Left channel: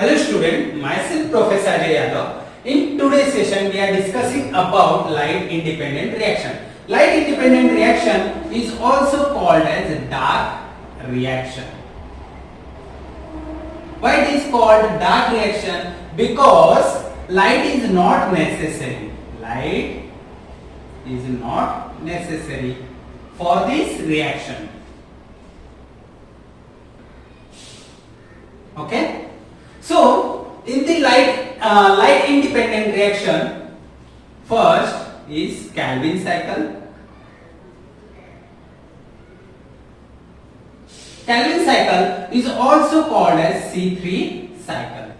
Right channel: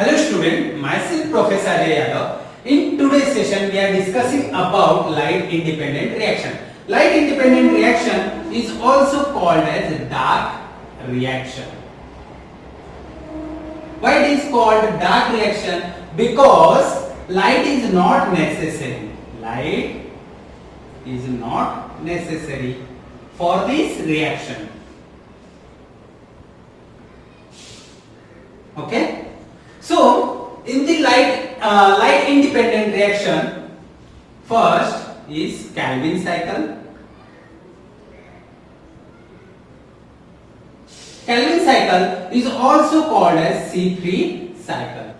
Hello student, myself Professor Ajay Yadav. In today's session we are discussing about light independent reaction. Light independent reaction is also called as dark reaction. Why it is called dark reaction? Because light is not necessary. Light is not necessary for this reaction. Okay? So, in the light independent reaction, first is Calvin cycle. Calvin cycle is also called as C3 cycle.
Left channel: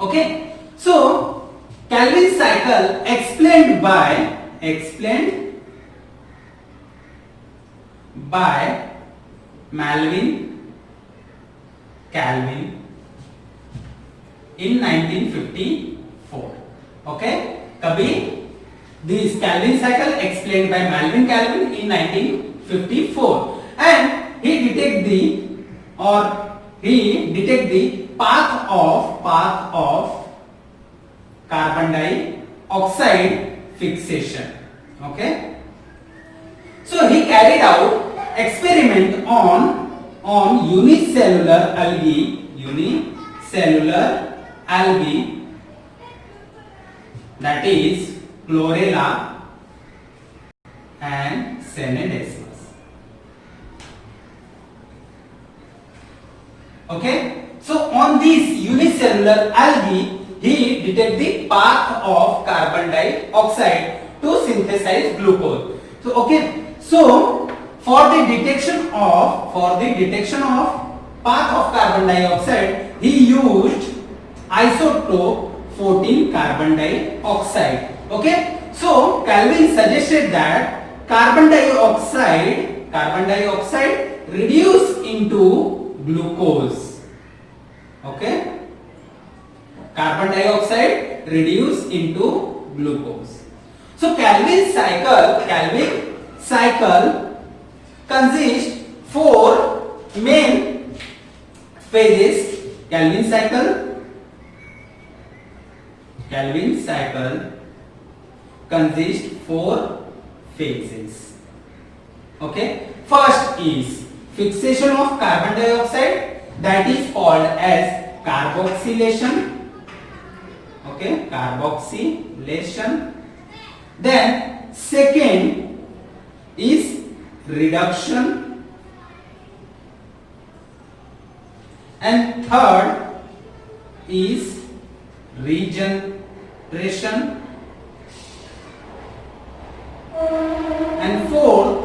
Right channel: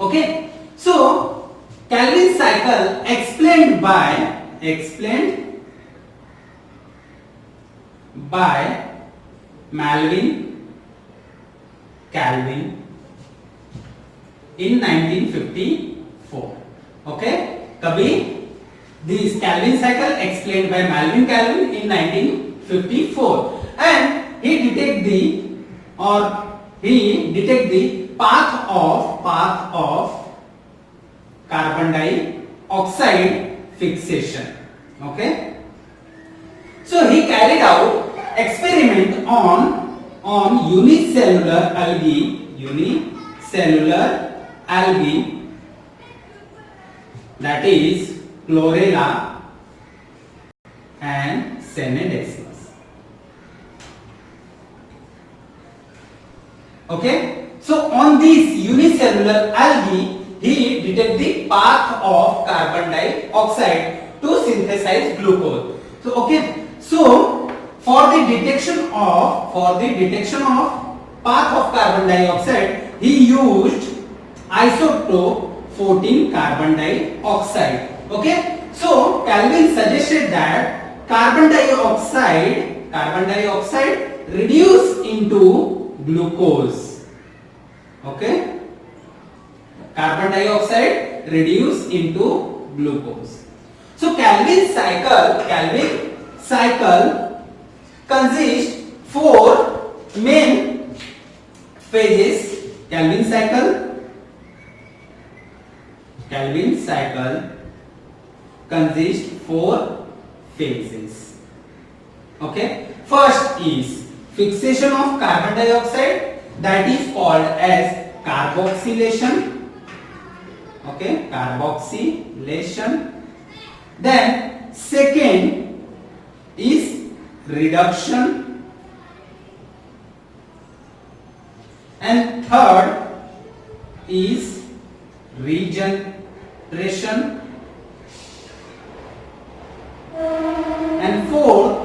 Okay? So, Calvin cycle explained by Calvin in 1954. Okay? Kabhi this Calvin cycle explained by Calvin in 1954, and he detect the path of carbon dioxide fixation. Okay? So he carried out experiment on unicellular algae, that is chlorella and semidesmus. Okay, so on this unicellular algae he detect the path of carbon dioxide to synthesize glucose. So okay, so for the detection of path of carbon dioxide, he used isotope 14 carbon dioxide. Okay, so Calvin suggested that carbon dioxide reduce into glucose. Okay, carbon dioxide reduce into glucose. So Calvin cycle consists 4 main phases. Calvin cycle consists 4 phases. Okay, first is fixation of carbon dioxide, that is called as carboxylation. Okay, carboxylation. Then second is reduction, and third is regeneration, and fourth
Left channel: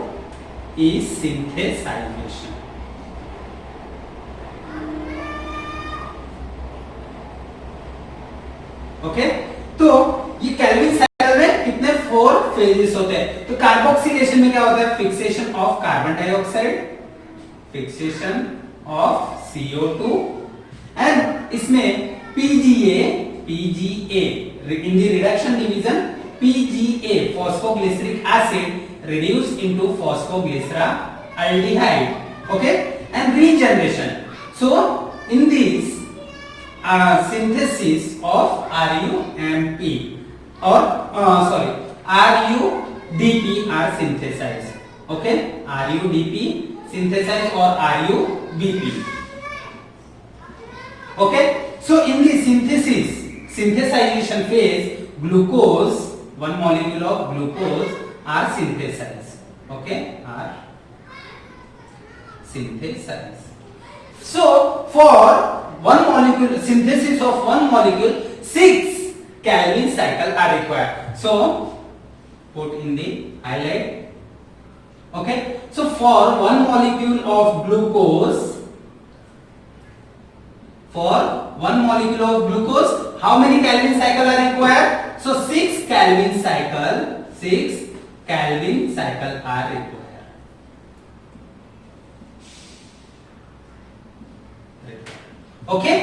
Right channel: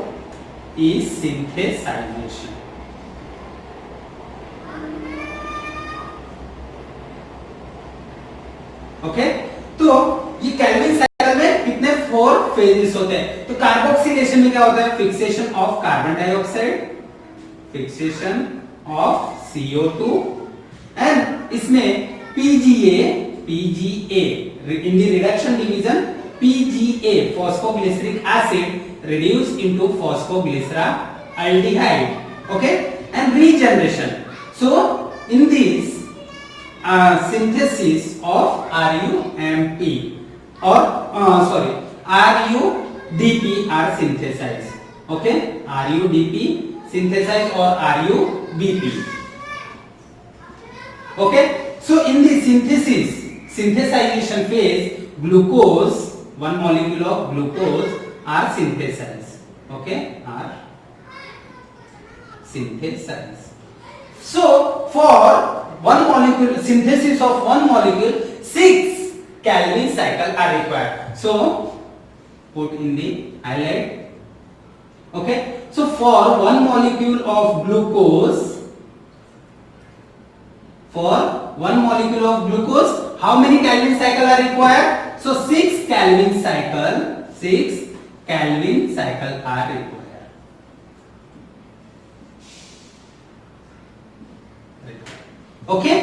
is synthesization. Okay, तो ये Calvin cycle में कितने 4 phases होते हैं? तो carboxylation में क्या होता है? Fixation of carbon dioxide, fixation of CO2, and इसमें PGA in the reduction division, PGA phosphoglyceric acid reduced into phosphoglyceraldehyde. Okay, and regeneration. So in this synthesis of RUMP RUDP are synthesized. Okay, RUDP synthesized or RUBP. Okay, so in the synthesization phase, glucose, one molecule of glucose are synthesized. Okay, are synthesized. So for one molecule, synthesis of one molecule, 6 Calvin cycle are required. So put in the highlight. Okay, so for one molecule of glucose, how many Calvin cycle are required? So 6 Calvin cycle are required. Okay,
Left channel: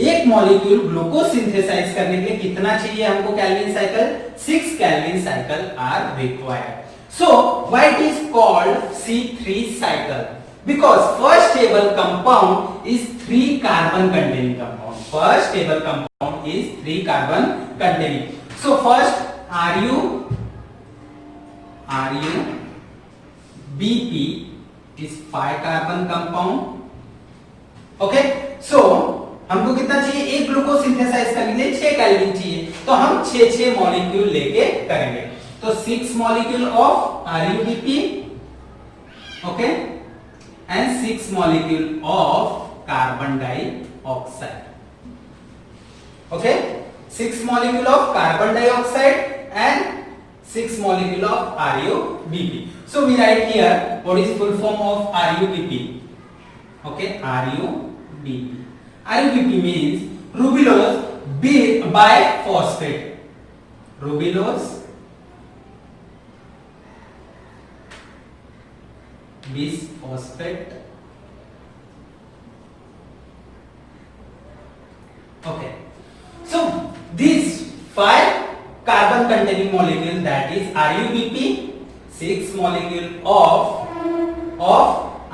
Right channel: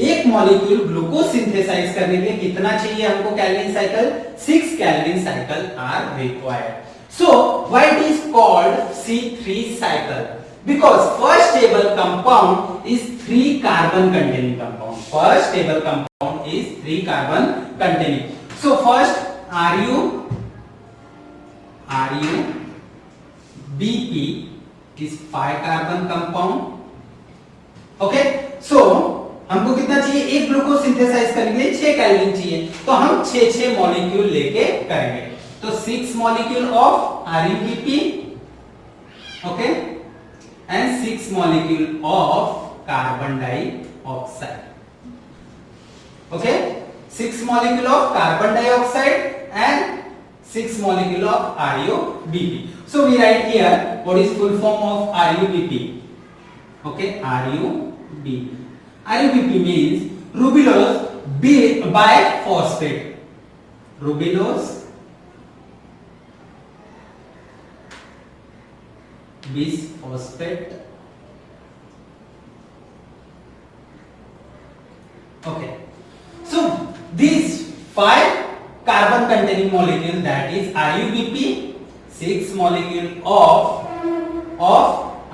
एक molecule glucose synthesize करने के लिए कितना चाहिए हमको Calvin cycle? 6 Calvin cycle are required. So why it is called C3 cycle? Because first stable compound is 3 carbon containing compound. first stable compound is 3 carbon containing. So first RuBP is 5 carbon compound. Okay, सो हमको कितना चाहिए? एक glucose synthesize करने के लिए 6 chlorine चाहिए, तो हम 6 मॉलिक्यूल लेके करेंगे. तो 6 molecule of RuBP, okay, and 6 molecule of carbon dioxide. Okay, 6 molecule of carbon dioxide and 6 molecule of RuBP. So we write here what is full form of RuBP. Okay, RuBP. RuBP means rubulose biphosphate. Rubulose biphosphate. Okay, so these 5 carbon containing molecule, that is RuBP, 6 molecule of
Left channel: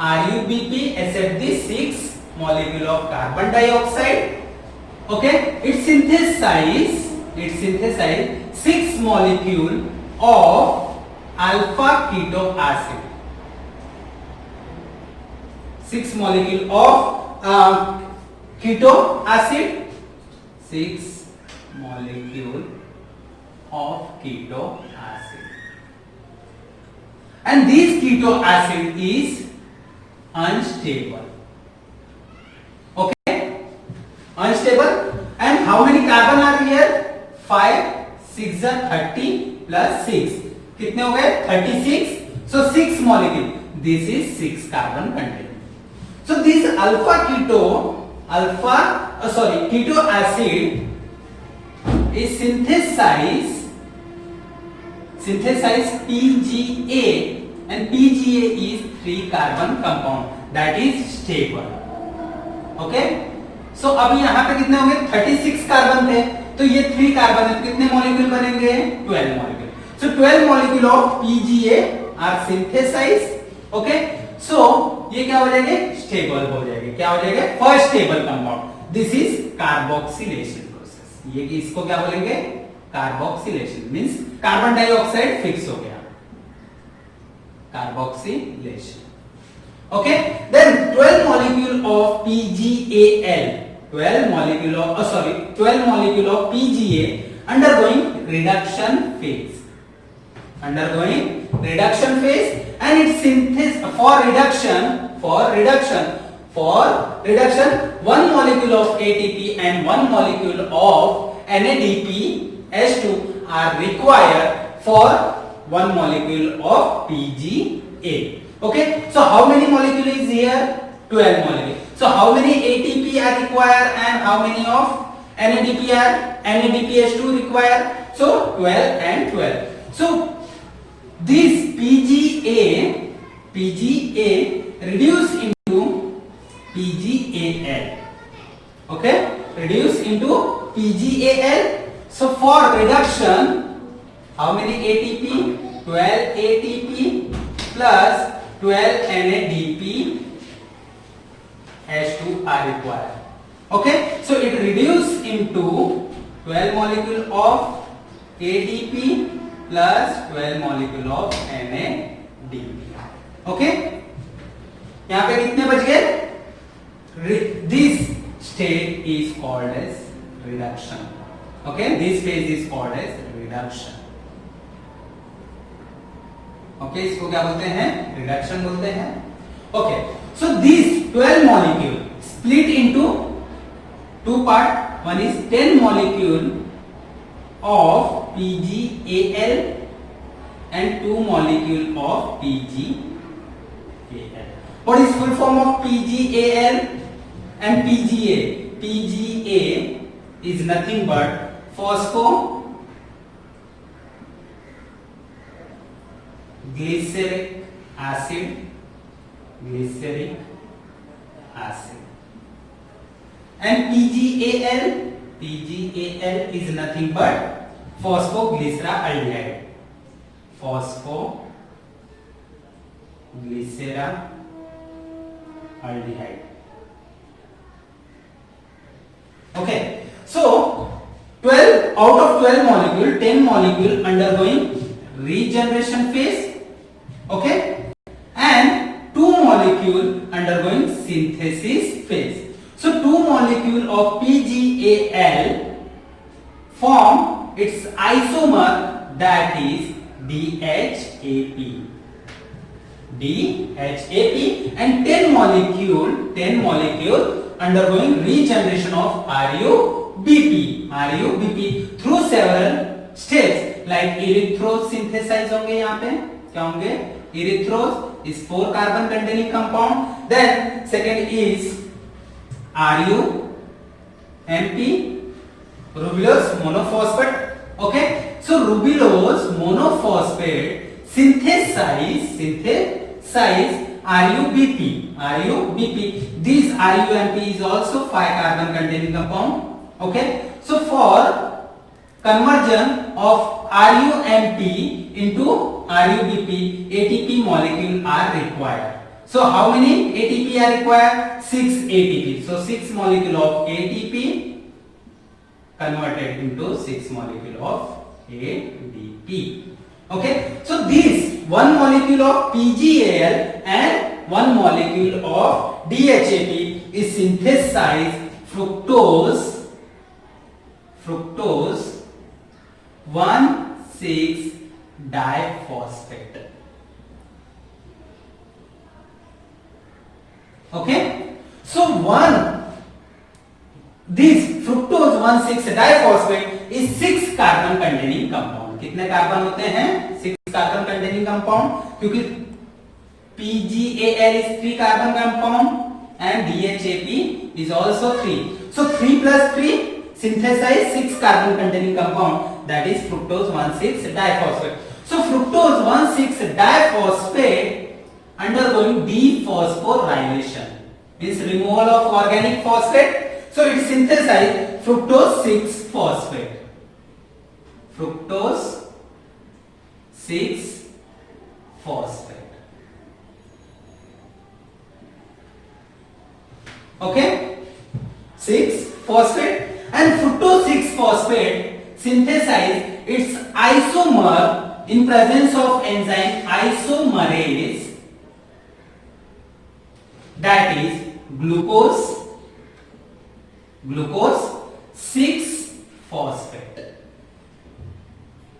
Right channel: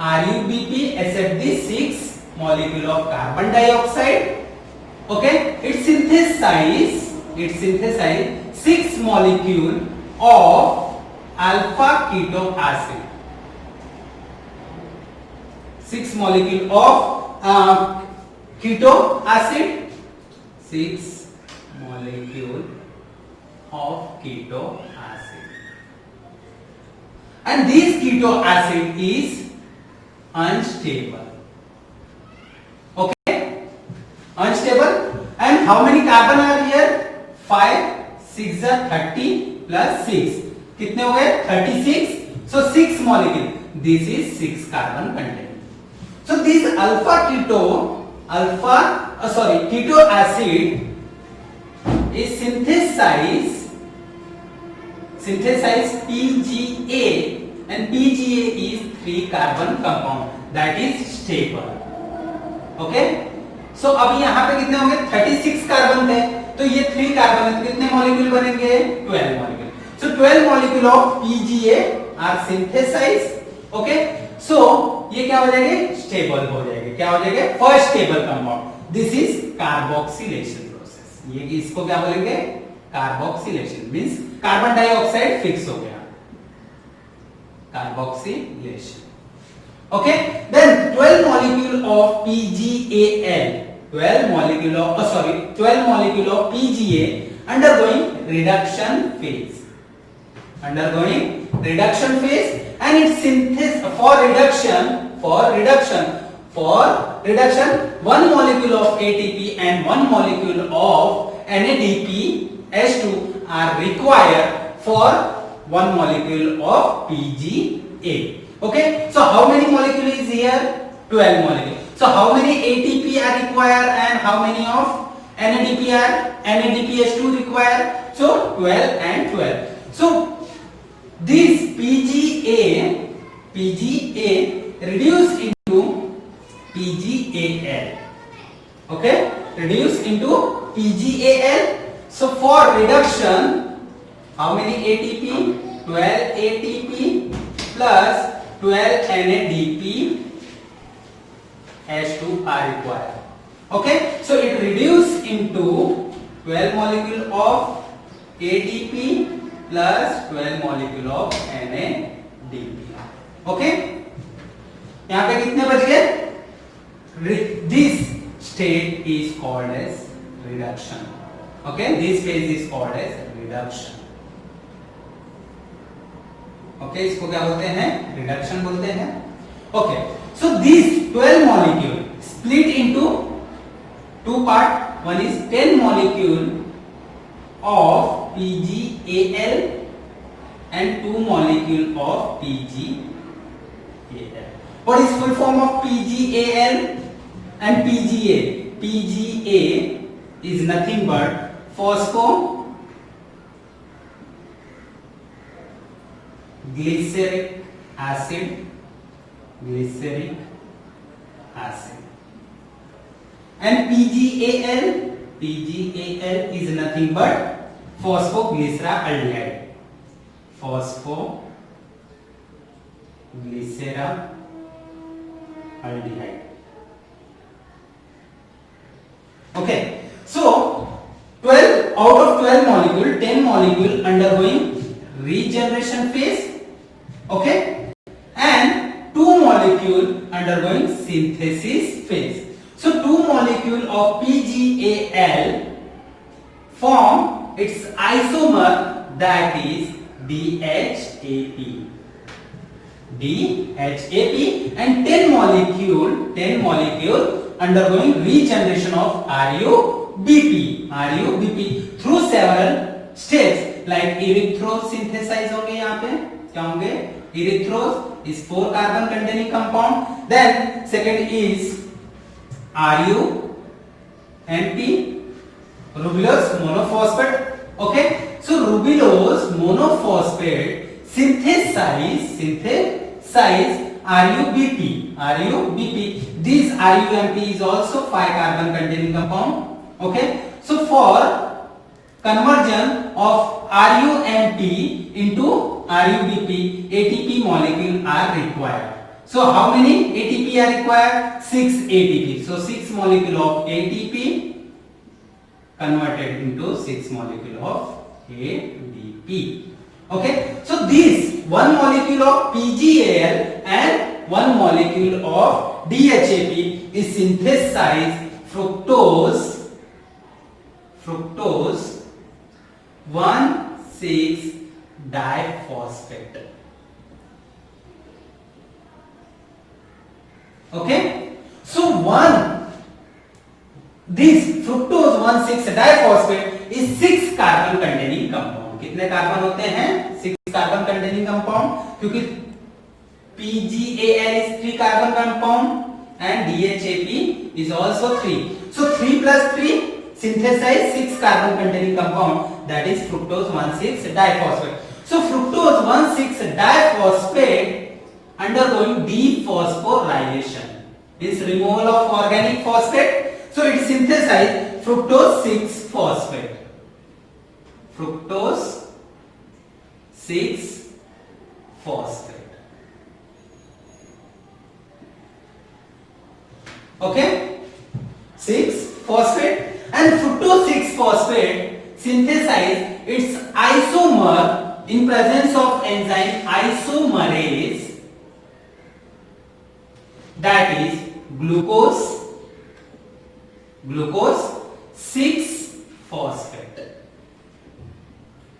RuBP except the 6 molecule of carbon dioxide. Okay, it synthesize 6 molecule of alpha keto acid. 6 molecule of keto acid. 6 molecule of keto acid, and this keto acid is unstable. Okay, unstable. And how many carbon are here? 5, 6 are 30 plus 6. कितने हो गए? 36. So 6 molecule. This is 6 carbon containing. So this keto acid is synthesize PGA, and PGA is 3 carbon compound, that is stable. Okay, so अब यहाँ पे कितने होंगे? 36 carbon थे, तो ये 3 कार्बन है, तो कितने मॉलिक्यूल बनेंगे? 12 molecule. So 12 molecule of PGA are synthesized. Okay, so ये क्या हो जाएंगे? स्टेबल हो जाएंगे. क्या हो जाएंगे? First stable compound. This is carboxylation. ये इसको क्या बोलेंगे? Carboxylation. Means carbon dioxide fix हो गया. Carboxylation. Okay, then 12 molecule of PGAL, 12 molecule of PGA undergoing reduction phase. And its synthesis for reduction 1 molecule of ATP and 1 molecule of NADPH2 are required for 1 molecule of PGA. Okay, so how many molecule is here? 12 molecule. So how many ATP are required and how many of NADPH2 required? So 12 and 12. So this PGA reduce into PGAL. Okay, reduce into PGAL. So for reduction, how many ATP? 12 ATP plus 12 NADPH2 are required. Okay, so it reduce into 12 molecule of ADP plus 12 molecule of NADP. Okay, यहाँ पे कितने बच गए? This state is called as reduction. Okay, this phase is called as reduction. Okay, इसको क्या बोलते हैं? Reduction बोलते हैं. Okay, so these 12 molecule split into 2 part. One is 10 molecule of PGAL and 2 molecule of PGAL. What is full form of PGAL and PGA? PGA is nothing but phosphoglyceric acid. And PGAL is nothing but phosphoglyceraldehyde. Phosphoglyceraldehyde. Okay, molecule undergoing regeneration phase, okay, and 2 molecule undergoing synthesis phase. So 2 molecule of PgAl form its isomer, that is DHAP. DHAP, and 10 molecule undergoing regeneration of RuBP through several steps, like erythrosynthesize होंगे यहाँ पे, क्या होंगे? Erythros is 4 carbon containing compound. Then second is RuMP, rubulose monophosphate. Okay, so rubulose monophosphate synthesize RuBP. This RuMP is also 5 carbon containing compound. Okay, so for conversion of RuMP into RuBP, ATP molecule are required. So how many ATP are required? 6 ATP. So 6 molecule of ATP converted into 6 molecule of ADP. Okay, so this 1 molecule of PgAl and 1 molecule of DHAP is synthesized fructose 1,6-diphosphate. Okay, so this fructose 1,6-diphosphate is 6 carbon containing compound. कितने carbon होते हैं? 6 carbon containing compound, क्योंकि PgAl is 3 carbon compound and DHAP is also 3. So 3 plus 3 synthesize 6 carbon containing compound, that is fructose 1,6-diphosphate. So fructose 1,6-diphosphate undergoing dephosphorylation, means removal of organic phosphate. So it synthesizes fructose 6-phosphate. Fructose 6-phosphate. Okay, 6-phosphate, and fructose 6-phosphate synthesize its isomer in presence of enzyme isomerase, that is glucose 6-phosphate.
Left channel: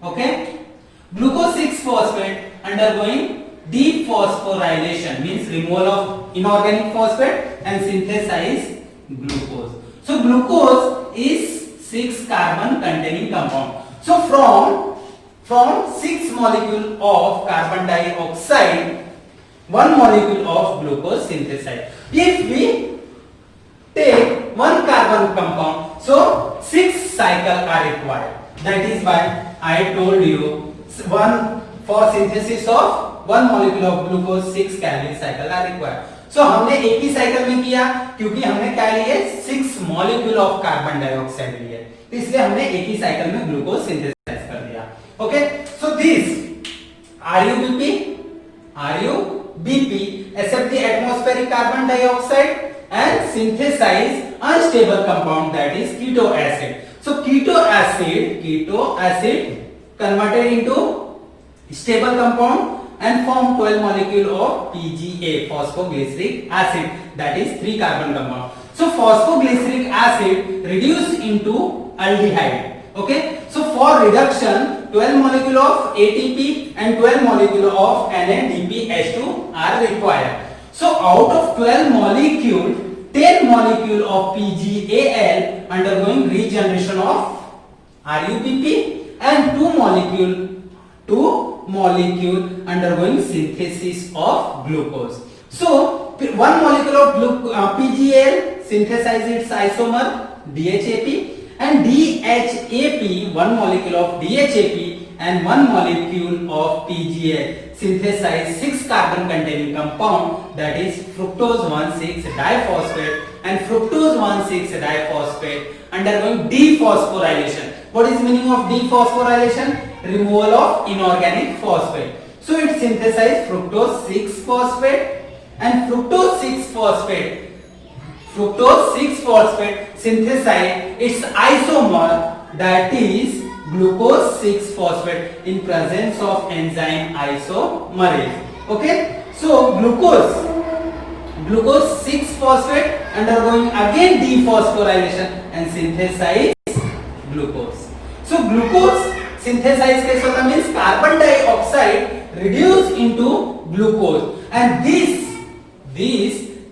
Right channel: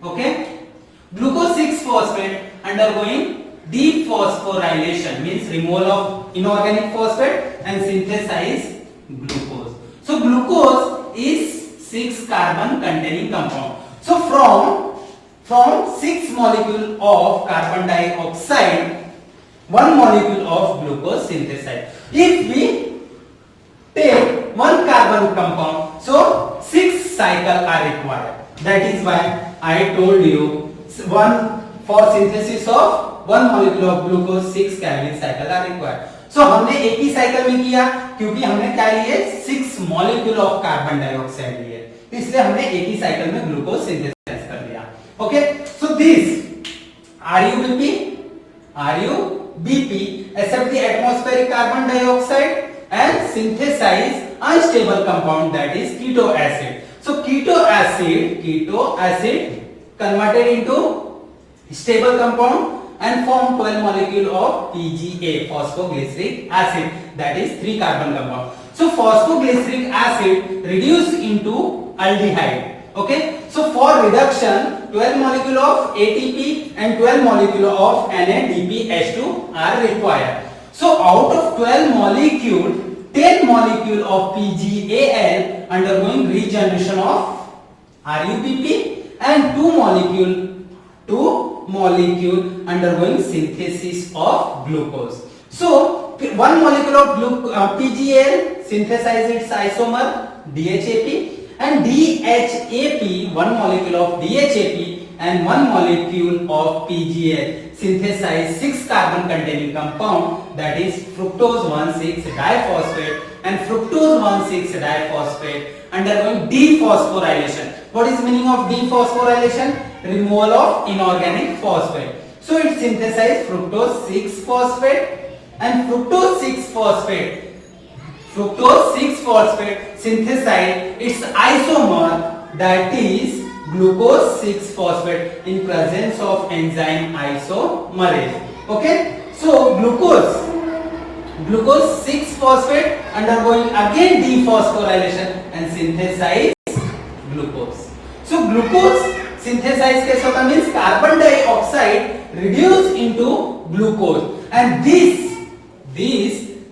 Okay, glucose 6-phosphate undergoing dephosphorylation, means removal of inorganic phosphate and synthesize glucose. So glucose is 6 carbon containing compound. So from 6 molecule of carbon dioxide, 1 molecule of glucose synthesized. If we take 1 carbon compound, so 6 cycles are required. That is why I told you for synthesis of 1 molecule of glucose 6 Calvin cycle are required. So हमने एक ही cycle में किया, क्योंकि हमने क्या लिए? 6 molecule of carbon dioxide लिए, इसलिए हमने एक ही साइकिल में ग्लूकोज सिंथेसाइज कर दिया. Okay, so this RuBP accept the atmospheric carbon dioxide and synthesize unstable compound, that is keto acid. So keto acid converted into stable compound and form 12 molecule of PGA, phosphoglyceric acid, that is 3 carbon compound. So phosphoglyceric acid reduced into aldehyde. Okay, so for reduction 12 molecule of ATP and 12 molecule of NADPH2 are required. So out of 12 molecule, 10 molecule of PGAl undergoing regeneration of RuBP and 2 molecule undergoing synthesis of glucose. So 1 molecule of PGAl synthesizes its isomer DHAP, and DHAP, 1 molecule of DHAP and 1 molecule of PGAl synthesize 6 carbon containing compound, that is fructose 1,6-diphosphate and fructose 1,6-diphosphate undergoing dephosphorylation. What is meaning of dephosphorylation? Removal of inorganic phosphate. So it synthesizes fructose 6-phosphate and fructose 6-phosphate synthesize its isomer, that is glucose 6-phosphate in presence of enzyme isomerase. Okay, so glucose 6-phosphate undergoing again dephosphorylation and synthesize glucose. So glucose synthesize कैसे होता means carbon dioxide reduced into glucose, and this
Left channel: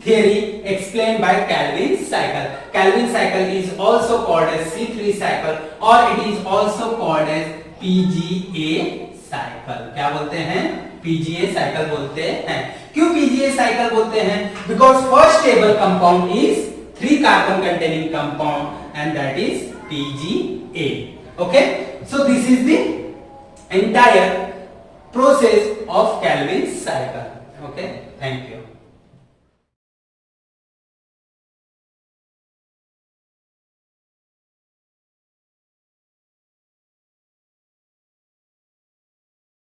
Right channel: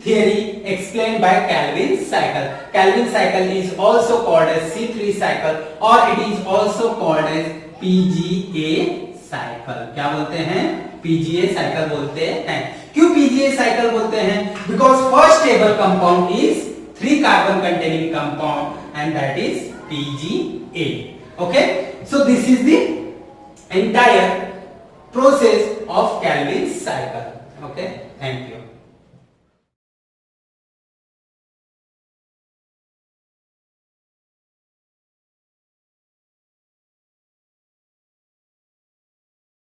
theory explained by Calvin's cycle. Calvin's cycle is also called as C3 cycle or it is also called as PGA cycle. क्या बोलते हैं? PGA cycle बोलते हैं. क्यों PGA cycle बोलते हैं? Because first stable compound is 3 carbon containing compound and that is PGA. Okay, so this is the entire process of Calvin's cycle. Okay, thank you.